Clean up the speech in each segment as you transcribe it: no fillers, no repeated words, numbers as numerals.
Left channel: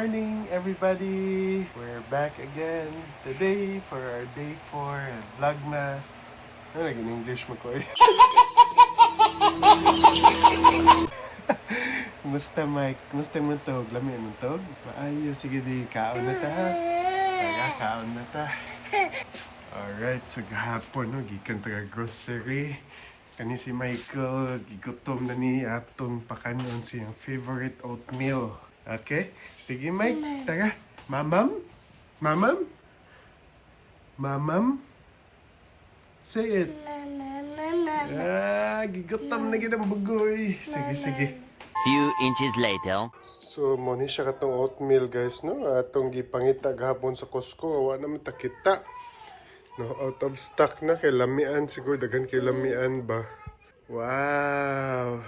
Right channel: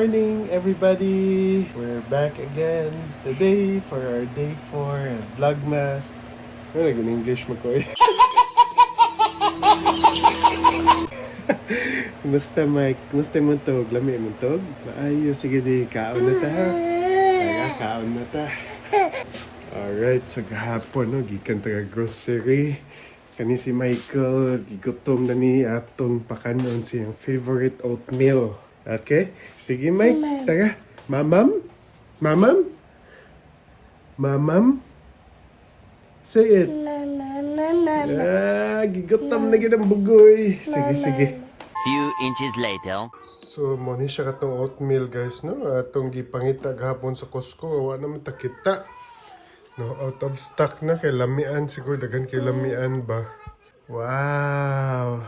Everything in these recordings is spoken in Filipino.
morning, everybody! We're back again today for our day 4 at Vlogmas. Ano naging English mo ko eh? Kumusta Mike? Kumusta mo tog? Lami mo tog? Maayo, sige di, kaon na ta ha? Kaon na ta. Alright, so gahapon no, gikan taga grocery. Kani si Michael, gigutom na ni atong pakanon siyang favorite oatmeal. Okay? Sige Mike, taga. Mamam? Mamam? Mamam? Say it. Gigutom na gid ang bugoy. Sige, sige. Few inches later. So, mo ni siya katong oatmeal guys, no? Atong gipangita gahapon sa Costco, wa naman ta kita. No, out of stock na kay lamian siguro dagan kay lamian ba. Wow.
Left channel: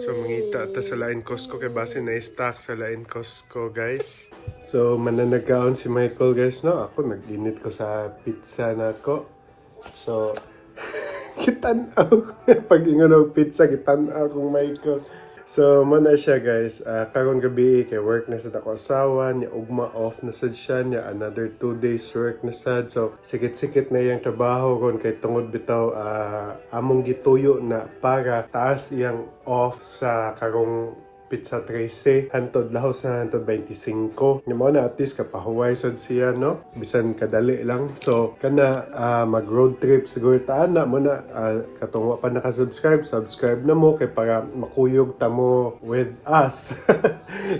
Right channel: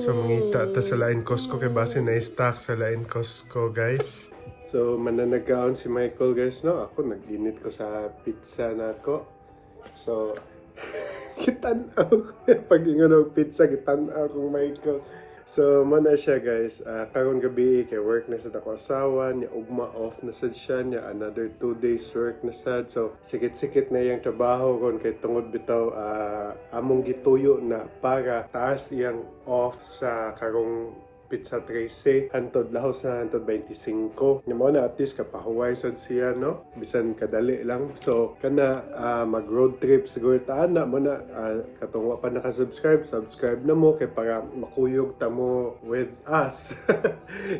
So mangita ta sa lain Costco kay base na stock sa lain Costco guys. So mananagaon si Michael guys, no? Ako nag-init ko sa pizza nako. So kitanaw pag ingon og pizza kitanaw kung Michael. So, mana siya guys, karon gabi kay work na sad ako asawa, niya ugma off na sad siya, niya another 2 days work na sad. So, sikit-sikit na iyang trabaho ron kay tungod bitaw among gituyo na para taas iyang off sa karong pizza 13 hantod lahos na hantod 25. Nga mo na at least kapahuway sad siya no, bisan kadali lang. So kana mag road trip siguro ta na mo na katong wa pa naka-subscribe, subscribe na mo kay para makuyog ta mo with us.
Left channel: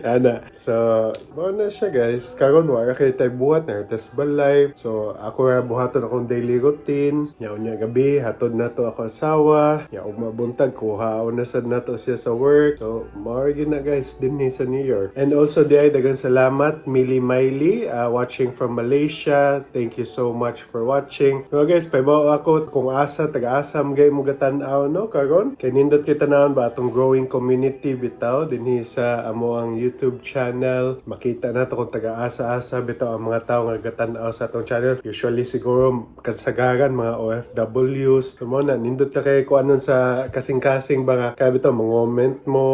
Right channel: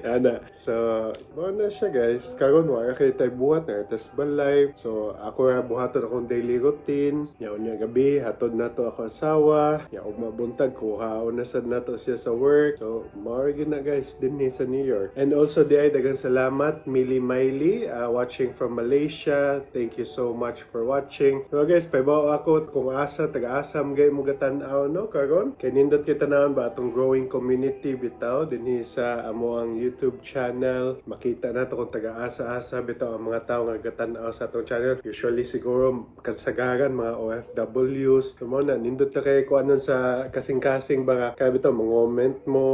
Ana. So mo na siya guys. Karon wa kay tay buhat na test balay. So ako ra buhaton akong daily routine. Nya unya gabi hatod nato ako asawa. Nya ug mabuntag kuhaon na sad nato siya sa work. So more na guys din sa New York. And also di ay dagang salamat Mili Miley watching from Malaysia. Thank you so much for watching. So guys, paibaw ako kung asa taga-asa magay mo gatan-aw no karon. Kay nindot kita naon ba atong growing community bitaw dinhi sa amo ang YouTube channel. Makita nato kung taga-asa-asa bitaw ang mga tawo nga gatan-aw sa atong channel. Usually siguro kasagaran mga OFWs. So mo na nindot ka kay kuanon sa kasing-kasing ba nga kay bitaw mga-comment mo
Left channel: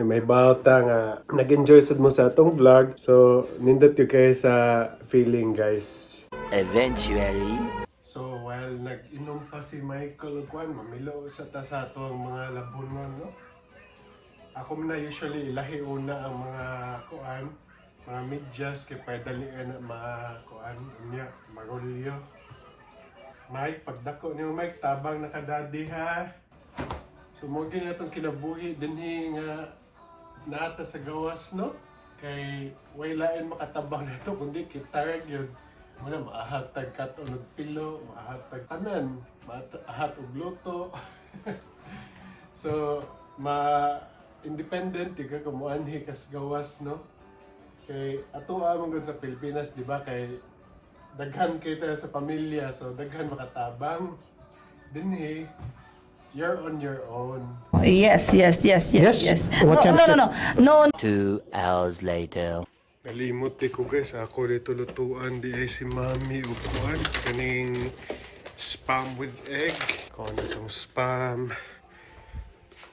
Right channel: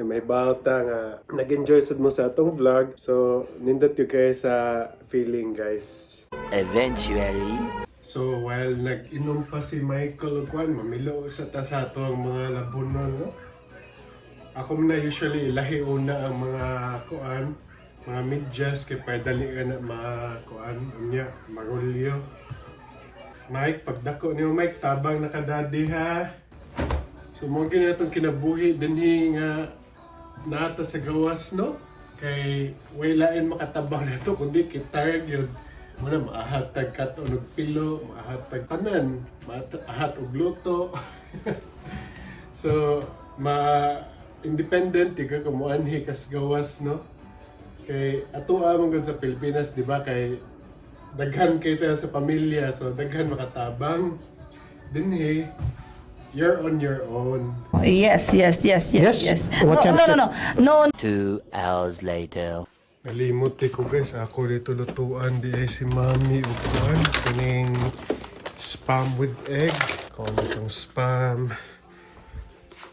ni may bauta nga nag-enjoy sad mo sa atong vlog. So nindot yung kayo sa feeling guys. Eventually. So while nag-inom pa si Michael og kuan mamilo sa ta sa ato ang mga labunon no. Ako na usually ilahi una ang mga kuan, mga medyas kay padali ka na mga kuan unya marulyo. Mike, pagdako niyo Mike tabang nakadadi ha. So mo gyud atong kinabuhi dinhi nga nata sa gawas no kay way lain makatabang nato kundi kitayag yun muna maahatag kato og pilo maahatag tanan maahat og luto. So independent tiga kamuanhi kas gawas no kay ato among gud sa Pilipinas di ba kay daghan kay tayo sa pamilya so daghan makatabang dinhi. You're on your own. Yes. What No. 2 hours later. Nalimot ko guys, ako dito lutuan di ay si Mami upuan. Kaning spam with egg. Kung ano itong spam.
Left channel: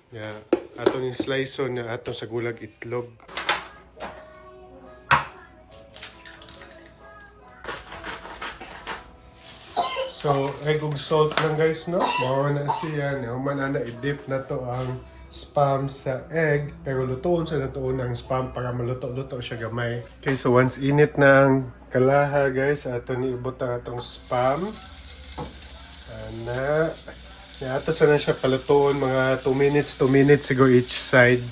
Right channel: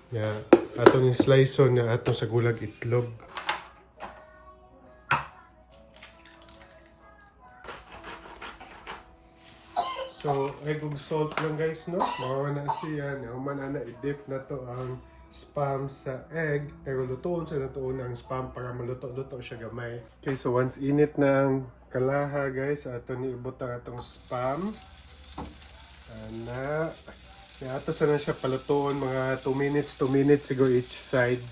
Yeah, atong slice na atong sa gulag itlog. So, egg ug salt lang guys, no? Mao na siya. Human na i-dip na to ang spam sa egg. Pero lutoon sa natuon ang spam para maluto-luto siya gamay. Okay, so once init ng kalaha guys, ato ni ubot ang atong spam. Ana. Ato sa na siya palutoon mga 2 minutes siguro each side.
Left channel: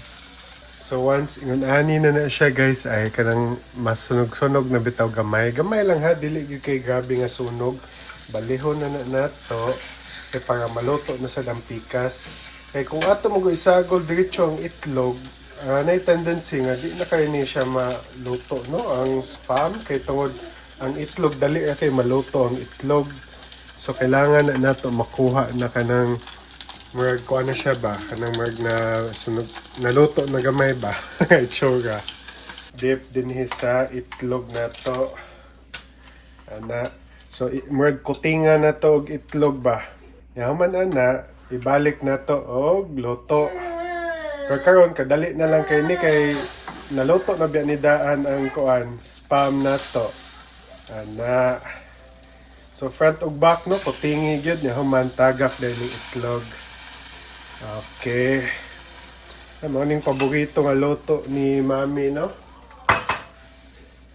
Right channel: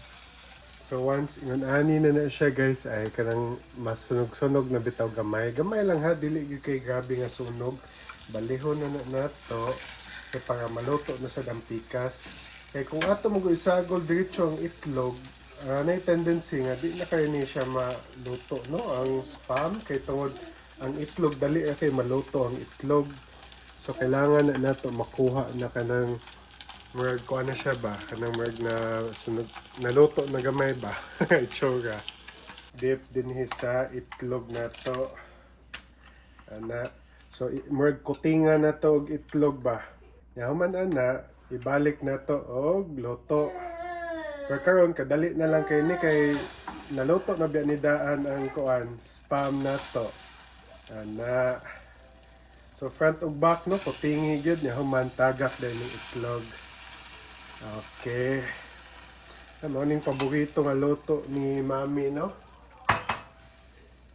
So once ingon-ani na siya guys ay kanang mas sunog-sunog na bitaw gamay. Gamay lang ha, dili kay grabe nga sunog. Balihon na nato kay para maluto na sa dampikas. Kay kung ato mo isagol diretso ang itlog, nay tendency nga di na kay ni siya maluto no ang spam kay tungod ang itlog dali kay maluto ang itlog. So kailangan na nato makuha na kanang merg ko na siya ba kanang merg na sunog naluto na gamay ba itsura. Dip din sa itlog nato. Ana. So, kutingan na to og itlog ba. Yaman ana, ibalik na to og luto. Pero karon kadali na lang kay ni kay naluto na biya ni Daan ang kuan, spam na to. Ana. So front ug back no, putingi gyud niya human tagak din yung itlog. Okay. Ano ning paborito nga luto ni Mami no?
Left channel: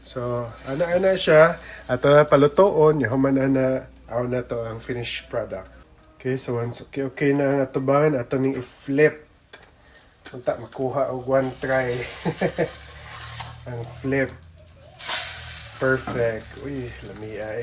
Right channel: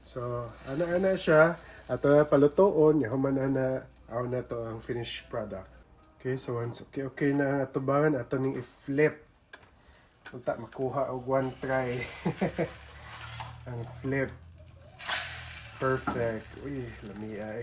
So, ana siya. At palutoon, human na na to ang finished product. Okay, so once okay na natubangan, ato ning i-flip. Unta makuha og one try. Ang flip. Perfect. Uy, lami ay.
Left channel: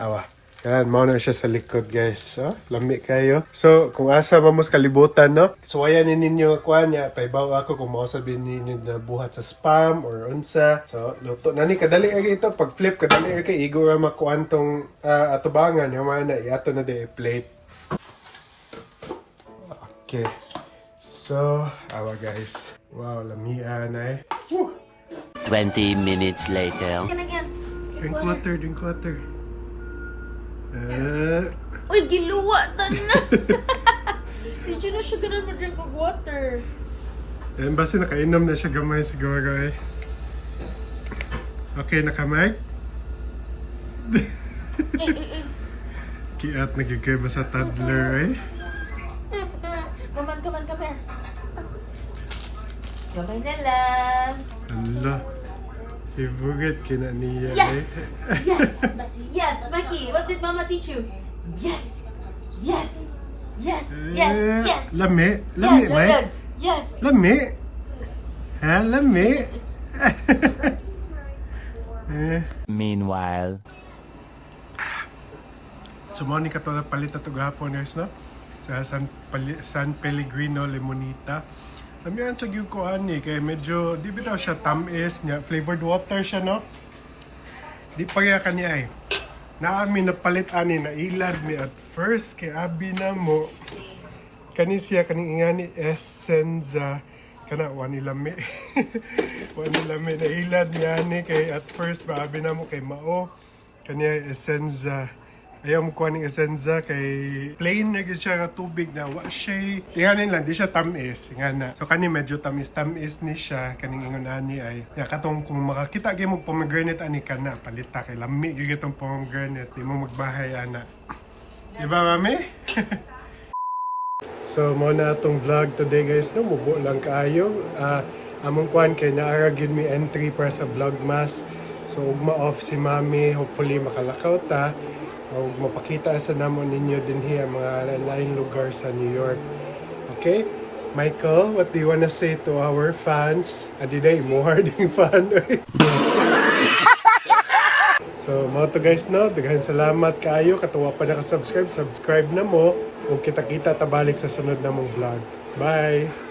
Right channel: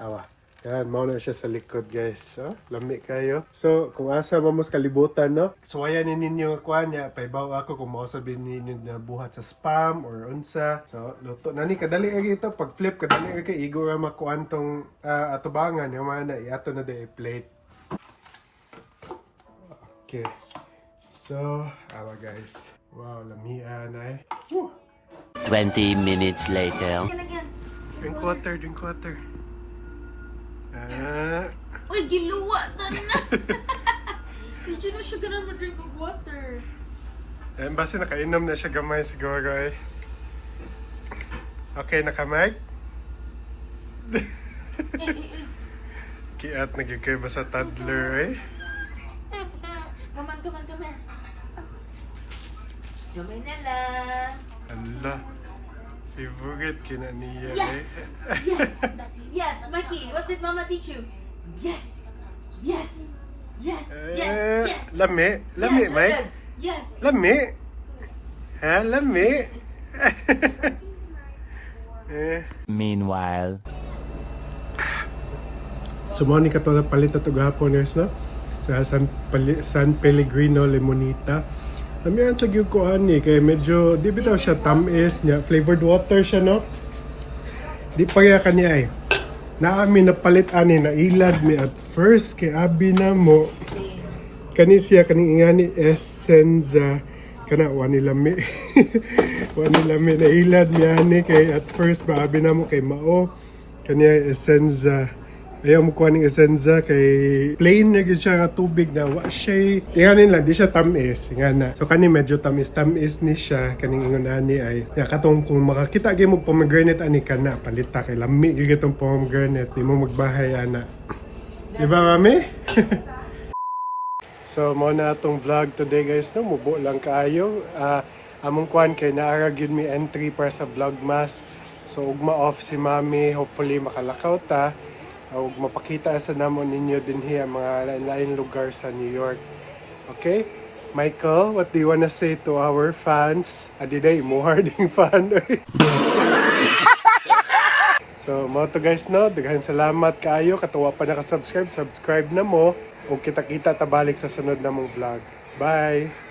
Awa. Yan, mao na siya sa likod, guys. Oh, lami kayo. So, kung asa mamos kalibutan, no? So, ayan ninyo kuan niya. Paibaw ako kung mo sabihin ninyo na buhat sa spam or unsa. So, luto na ni kadali ay ito. Pag flip, kadali ay kay igo ra makuan tong atubangan. Yung mga na, iato na day plate. Okay. So, awa guys. Wow, lamian ay. Woo! 20 minutes later. Drink water, drink water. Uy, giluwa ta na. Hindi na siya ganun mag-drink of water. Eh, basta nakainom na siya gamay siguro eh. Okay, nakamag? Kiat nagigay ba sa toddler eh? Come here. Gamay na lang. Hala. Favorite kina niya eh. Yes! Yes! Yes, Mikey, what did Mama teach you? Yes! Yes! Yes! Yes! Yes! Lami? Lami, yes, Mike? good. Yes! Lami? Ha? Lami? eh. Meanwhile. Sumoni ka to na palit na ito gahapon guys, no? Sa San Pellegrino Limonita. Lamian sa gyud ko ani kay medyo di bitaw siya tamis niya, flavored water siya no. Di pa kaya kaniya ay. Naami napalit ani na ilad mi at first kay abi na mo. Kani siya kaning ingani Essenza kana wani lami. Wani lami na ilad mi ani kay at first ba abi na mo kay mao kaniya Essenza. Ayaw mo kuha ng Essenza kay plain na gyud siya nga tubig na wa siya inganin lang di siya tamis nga na. So kani medyo tamis ni siya kaning ingon ani ay ya katong kung makakita gyud mo pomegranate ani kana palita kay lami gyud itong pomegranate di mo magbahay ana. Di ba mami? So mo na atong vlog today guys no, mubo lang kaayo. Among kuan kay naara gyud mi entry para sa Vlogmas. So ugma off si mami, hopefully makalakaw ta. O mapakita sa namon ninyo din hiya mga lain lugar sa New York. Okay? Michael, what do you wanna say to our fans? Adiday, mo harding fan. So, mga to guys, no? Daghan salamat kaayo. Katuwa pa nakasubscribe. Subscribe na mo. Kung kita-kita tabalik sa sunod na mong vlog. Bye!